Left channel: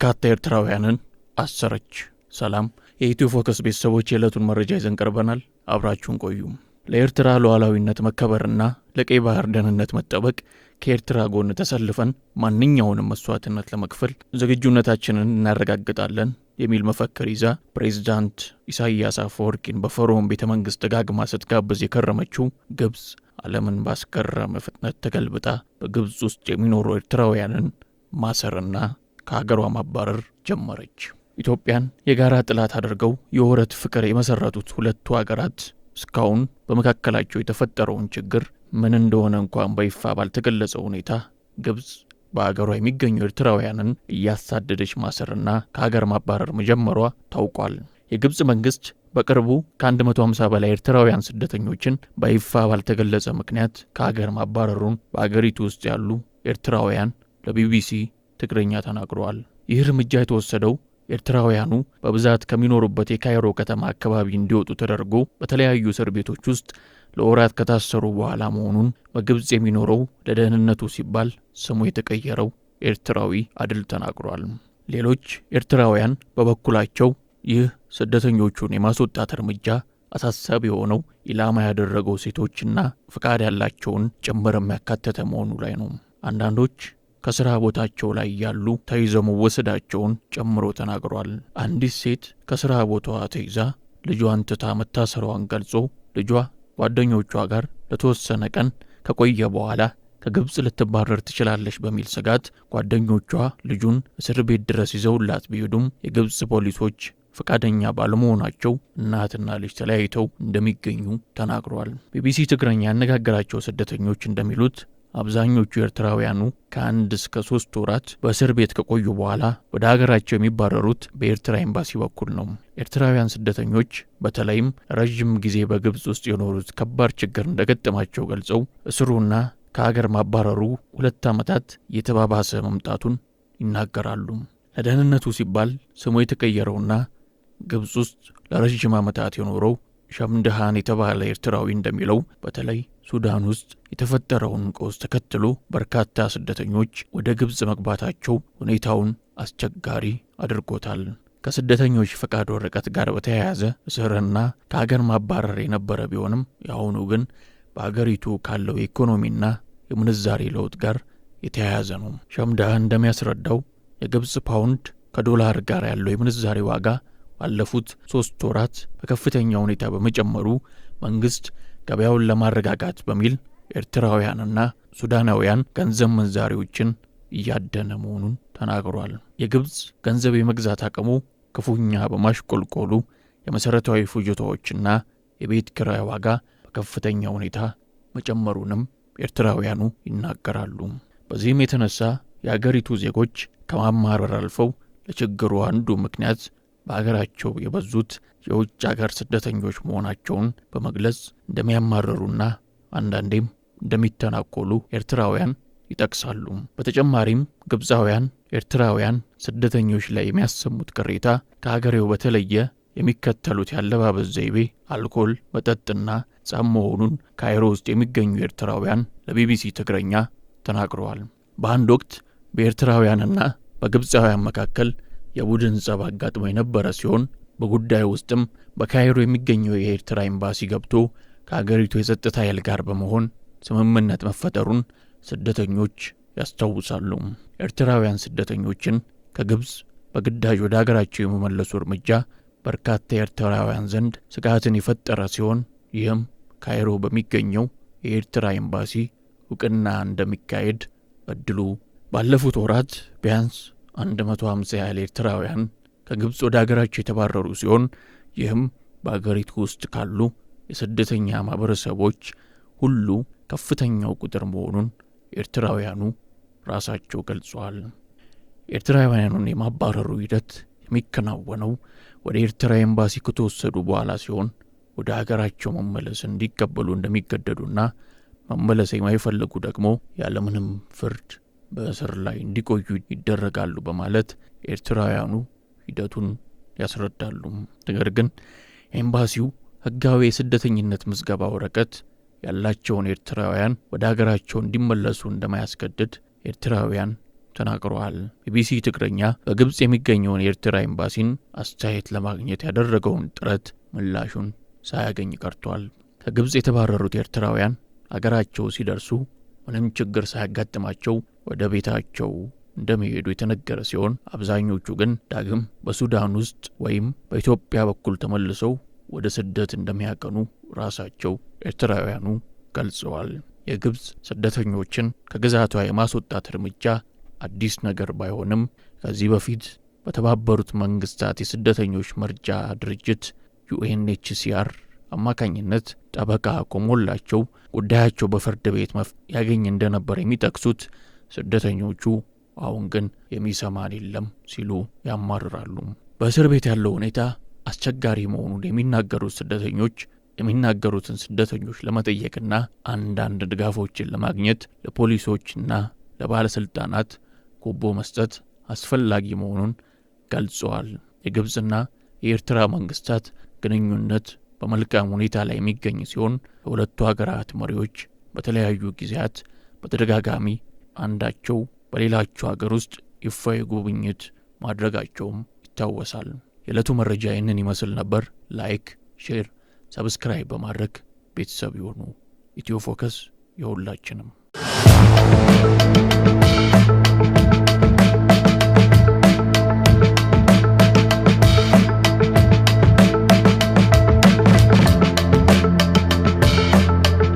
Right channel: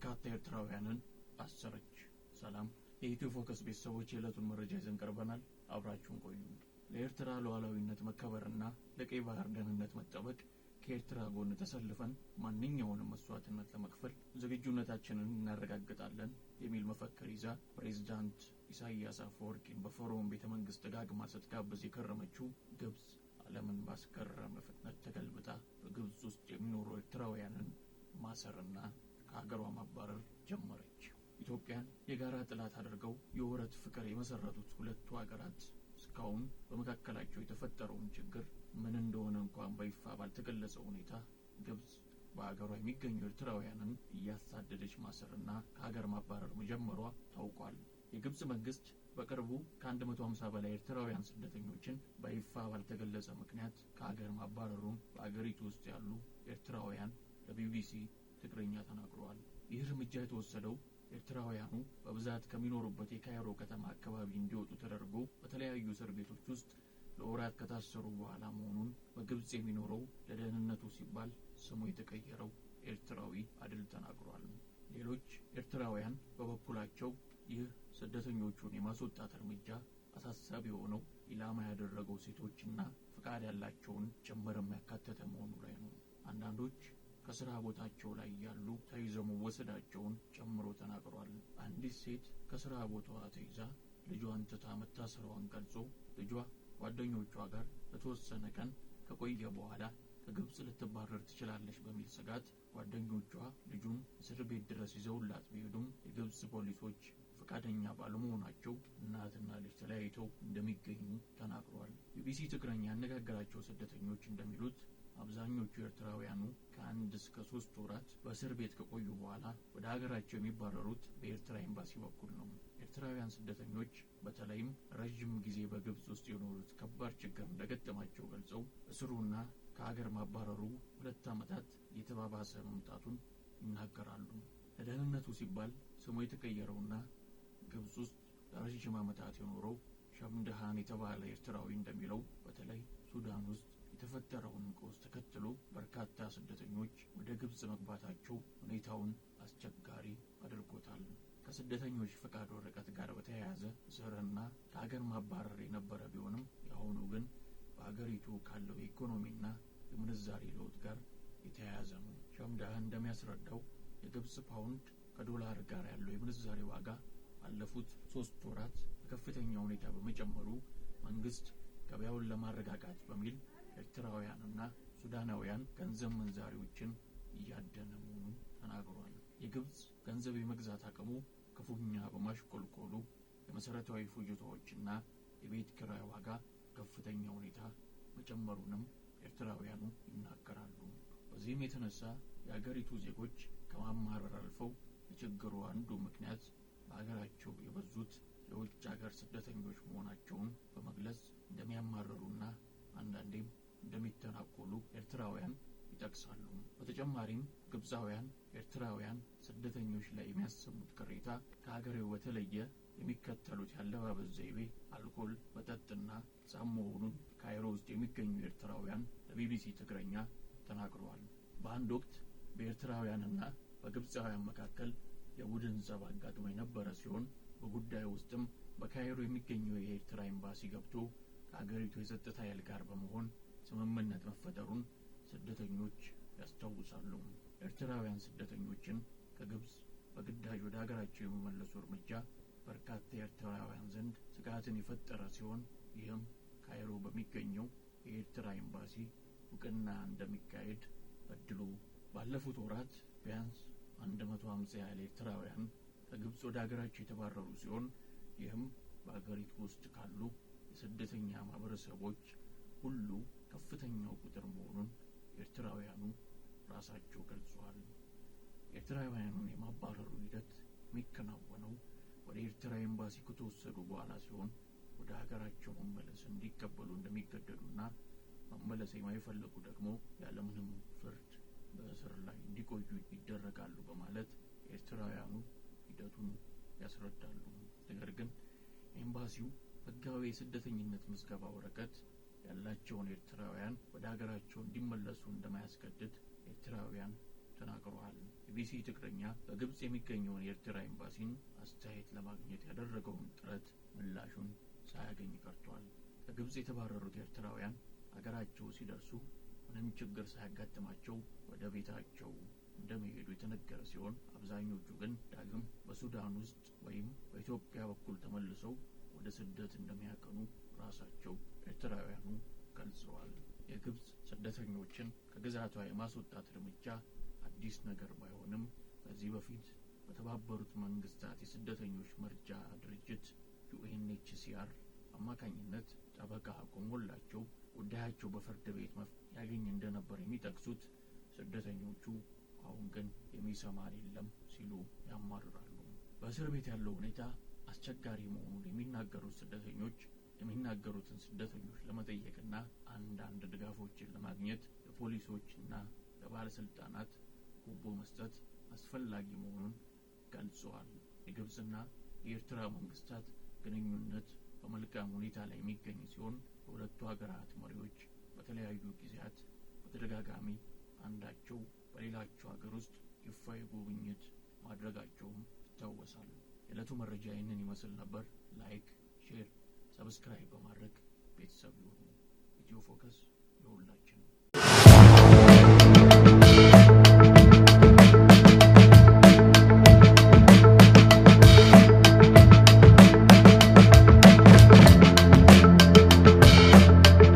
በርካታ ኤርትራውያንን አሰረች። ሰላም የኢትዮ ፎከስ ቤተሰቦች የዕለቱን መረጃ ይዘን ቀርበናል። አብራችሁን ቆዩ። ለኤርትራ ሉዓላዊነት መከበርና ለቀይ ባህር ደህንነት መጠበቅ ከኤርትራ ጎን ተሰልፈን ማንኛውንም መስዋዕትነት ለመክፈል ዝግጁነታችንን እናረጋግጣለን የሚል መፈክር ይዛ ፕሬዝዳንት ኢሳያስ አፈወርቂን በፈርዖን ቤተመንግስት ደጋግማ ስትጋብዝ የከረመችው ግብጽ ዓለምን ባስገረመ ፍጥነት ተገልብጣ በግብጽ ውስጥ የሚኖሩ ኤርትራውያንን ማሰርና ከሀገሯ ማባረር ጀመረች። ኢትዮጵያን የጋራ ጥላት አድርገው የወረት ፍቅር የመሰረቱት ሁለቱ ሀገራት እስካሁን በመካከላቸው የተፈጠረውን ችግር ምን እንደሆነ እንኳን በይፋ ባልተገለጸ ሁኔታ ግብጽ በአገሯ የሚገኙ ኤርትራውያንን እያሳደደች ማሰርና ከሀገር ማባረር መጀመሯ ታውቋል። የግብጽ መንግስት በቅርቡ ከ150 በላይ ኤርትራውያን ስደተኞችን በይፋ ባልተገለጸ ምክንያት ከሀገር ማባረሩን በአገሪቱ ውስጥ ያሉ ኤርትራውያን ለቢቢሲ ትግርኛ ተናግረዋል። ይህ እርምጃ የተወሰደው ኤርትራውያኑ በብዛት ከሚኖሩበት የካይሮ ከተማ አካባቢ እንዲወጡ ተደርጎ በተለያዩ እስር ቤቶች ውስጥ ለወራት ከታሰሩ በኋላ መሆኑን በግብጽ የሚኖረው ለደህንነቱ ሲባል ስሙ የተቀየረው ኤርትራዊ አድል ተናግሯል። ሌሎች ኤርትራውያን በበኩላቸው ይህ ስደተኞቹን የማስወጣት እርምጃ አሳሳቢ የሆነው ኢላማ ያደረገው ሴቶችና ፍቃድ ያላቸውን ጭምር የሚያካተተ መሆኑ ላይ ነው። አንዳንዶች ከስራ ቦታቸው ላይ ያሉ ተይዘው መወሰዳቸውን ጨምሮ ተናግሯል። አንዲት ሴት ከስራ ቦታዋ ተይዛ ልጇን ትታ መታሰሯን ገልጾ ልጇ ጓደኞቿ ጋር ለተወሰነ ቀን ከቆየ በኋላ ከግብጽ ልትባረር ትችላለች በሚል ስጋት ጓደኞቿ ልጁን እስር ቤት ድረስ ይዘውላት ቢሄዱም የግብጽ ፖሊሶች ፈቃደኛ ባለመሆናቸው እናትና ልጅ ተለያይተው እንደሚገኙ ተናግሯል። ቢቢሲ ትግርኛ ያነጋገራቸው ስደተኞች እንደሚሉት አብዛኞቹ ኤርትራውያኑ ከ1 እስከ 3 ወራት በእስር ቤት ከቆዩ በኋላ ወደ ሀገራቸው የሚባረሩት በኤርትራ ኤምባሲ በኩል ነው። ኤርትራውያን ስደተኞች በተለይም ረጅም ጊዜ በግብጽ ውስጥ የኖሩት ከባድ ችግር እንደገጠማቸው ገልጸው እስሩና ከሀገር ማባረሩ 2 ዓመታት የተባባሰ መምጣቱን ይናገራሉ። ለደህንነቱ ሲባል ስሙ የተቀየረውና ግብጽ ውስጥ ለረጅም ዓመታት የኖረው ሸምድሃን የተባለ ኤርትራዊ እንደሚለው በተለይ ሱዳን ውስጥ የተፈጠረውን ቀውስ ተከትሎ በርካታ ስደተኞች ወደ ግብጽ መግባታቸው ሁኔታውን አስቸጋሪ አድርጎታል። ከስደተኞች ፈቃድ ወረቀት ጋር በተያያዘ እስርና ከሀገር ማባረር የነበረ ቢሆንም የአሁኑ ግን በአገሪቱ ካለው የኢኮኖሚና የምንዛሬ ለውጥ ጋር የተያያዘ ነው። ሸምድሃን እንደሚያስረዳው የግብጽ ፓውንድ ከዶላር ጋር ያለው የምንዛሬ ዋጋ ባለፉት 3 ወራት በከፍተኛ ሁኔታ በመጨመሩ መንግስት ገበያውን ለማረጋጋት በሚል ኤርትራውያንና ሱዳናውያን ገንዘብ ምንዛሬዎችን እያደነ መሆኑን ተናግሯል። የግብጽ ገንዘብ የመግዛት አቅሙ ክፉኛ በማሽቆልቆሉ የመሰረታዊ ፍጆታዎችና የቤት ኪራይ ዋጋ በከፍተኛ ሁኔታ መጨመሩንም ኤርትራውያኑ ይናገራሉ። በዚህም የተነሳ የአገሪቱ ዜጎች ከማማረር አልፈው ለችግሩ አንዱ ምክንያት በአገራቸው የበዙት የውጭ አገር ስደተኞች መሆናቸውን በመግለጽ እንደሚያማረሩና አንዳንዴም እንደሚተናኮሉ ኤርትራውያን ይጠቅሳሉ። በተጨማሪም ግብጻውያን ኤርትራውያን ስደተኞች ላይ የሚያሰሙት ቅሬታ ከሀገሬው በተለየ የሚከተሉት ያለባበስ ዘይቤ፣ አልኮል መጠጥና ጻም መሆኑን ካይሮ ውስጥ የሚገኙ ኤርትራውያን ለቢቢሲ ትግርኛ ተናግረዋል። በአንድ ወቅት በኤርትራውያንና በግብጻውያን መካከል የቡድን ጸብ አጋጥሞ የነበረ ሲሆን በጉዳዩ ውስጥም በካይሮ የሚገኘው የኤርትራ ኤምባሲ ገብቶ ከሀገሪቱ የጸጥታ ኃይል ጋር በመሆን ስምምነት መፈጠሩን ስደተኞች ያስታውሳሉ። ኤርትራውያን ስደተኞችን ከግብጽ በግዳጅ ወደ ሀገራቸው የመመለሱ እርምጃ በርካታ ኤርትራውያን ዘንድ ስጋትን የፈጠረ ሲሆን ይህም ካይሮ በሚገኘው የኤርትራ ኤምባሲ እውቅና እንደሚካሄድ እድሉ ባለፉት ወራት ቢያንስ 150 ያህል ኤርትራውያን ከግብጽ ወደ ሀገራቸው የተባረሩ ሲሆን ይህም በአገሪቱ ውስጥ ካሉ የስደተኛ ማህበረሰቦች ሁሉ ከፍተኛው ቁጥር መሆኑን ኤርትራውያኑ ራሳቸው ገልጸዋል። ኤርትራውያኑን የማባረሩ ሂደት የሚከናወነው ወደ ኤርትራ ኤምባሲ ከተወሰዱ በኋላ ሲሆን ወደ ሀገራቸው መመለስ እንዲቀበሉ እንደሚገደዱና መመለስ የማይፈልጉ ደግሞ ያለምንም ፍርድ በእስር ላይ እንዲቆዩ ይደረጋሉ በማለት ኤርትራውያኑ ሂደቱን ያስረዳሉ። ነገር ግን ኤምባሲው ህጋዊ የስደተኝነት ምዝገባ ወረቀት ያላቸውን ኤርትራውያን ወደ ሀገራቸው እንዲመለሱ እንደማያስገድድ ኤርትራውያን ተናግረዋል። ቢቢሲ ትግረኛ በግብጽ የሚገኘውን የኤርትራ ኤምባሲን አስተያየት ለማግኘት ያደረገውን ጥረት ምላሹን ሳያገኝ ቀርቷል። ከግብጽ የተባረሩት ኤርትራውያን አገራቸው ሲደርሱ ምንም ችግር ሳያጋጥማቸው ወደ ቤታቸው እንደሚሄዱ የተነገረ ሲሆን አብዛኞቹ ግን ዳግም በሱዳን ውስጥ ወይም በኢትዮጵያ በኩል ተመልሰው ወደ ስደት እንደሚያቀኑ ራሳቸው ኤርትራውያኑ ገልጸዋል። የግብጽ ስደተኞችን ከግዛቷ የማስወጣት እርምጃ አዲስ ነገር ባይሆንም ከዚህ በፊት በተባበሩት መንግስታት የስደተኞች መርጃ ድርጅት UNHCR አማካኝነት ጠበቃ ቆሞላቸው ጉዳያቸው በፍርድ ቤት ያገኝ እንደነበር የሚጠቅሱት ስደተኞቹ አሁን ግን የሚሰማን የለም ሲሉ ያማርራሉ። በእስር ቤት ያለው ሁኔታ አስቸጋሪ መሆኑን የሚናገሩት ስደተኞች የሚናገሩትን ስደተኞች ለመጠየቅና አንዳንድ ድጋፎችን ለማግኘት ለፖሊሶችና ለባለስልጣናት ጉቦ መስጠት አስፈላጊ መሆኑን ገልጸዋል። የግብጽና የኤርትራ መንግስታት ግንኙነት በመልካም ሁኔታ ላይ የሚገኝ ሲሆን የሁለቱ ሀገራት መሪዎች በተለያዩ ጊዜያት በተደጋጋሚ አንዳቸው በሌላቸው ሀገር ውስጥ ይፋዊ ጉብኝት ማድረጋቸውም ይታወሳል። የዕለቱ መረጃ ይህንን ይመስል ነበር። ላይክ፣ ሼር፣ ሰብስክራይብ በማድረግ ቤተሰብ ይሁኑ። ኢትዮ ፎከስ የሁላችንም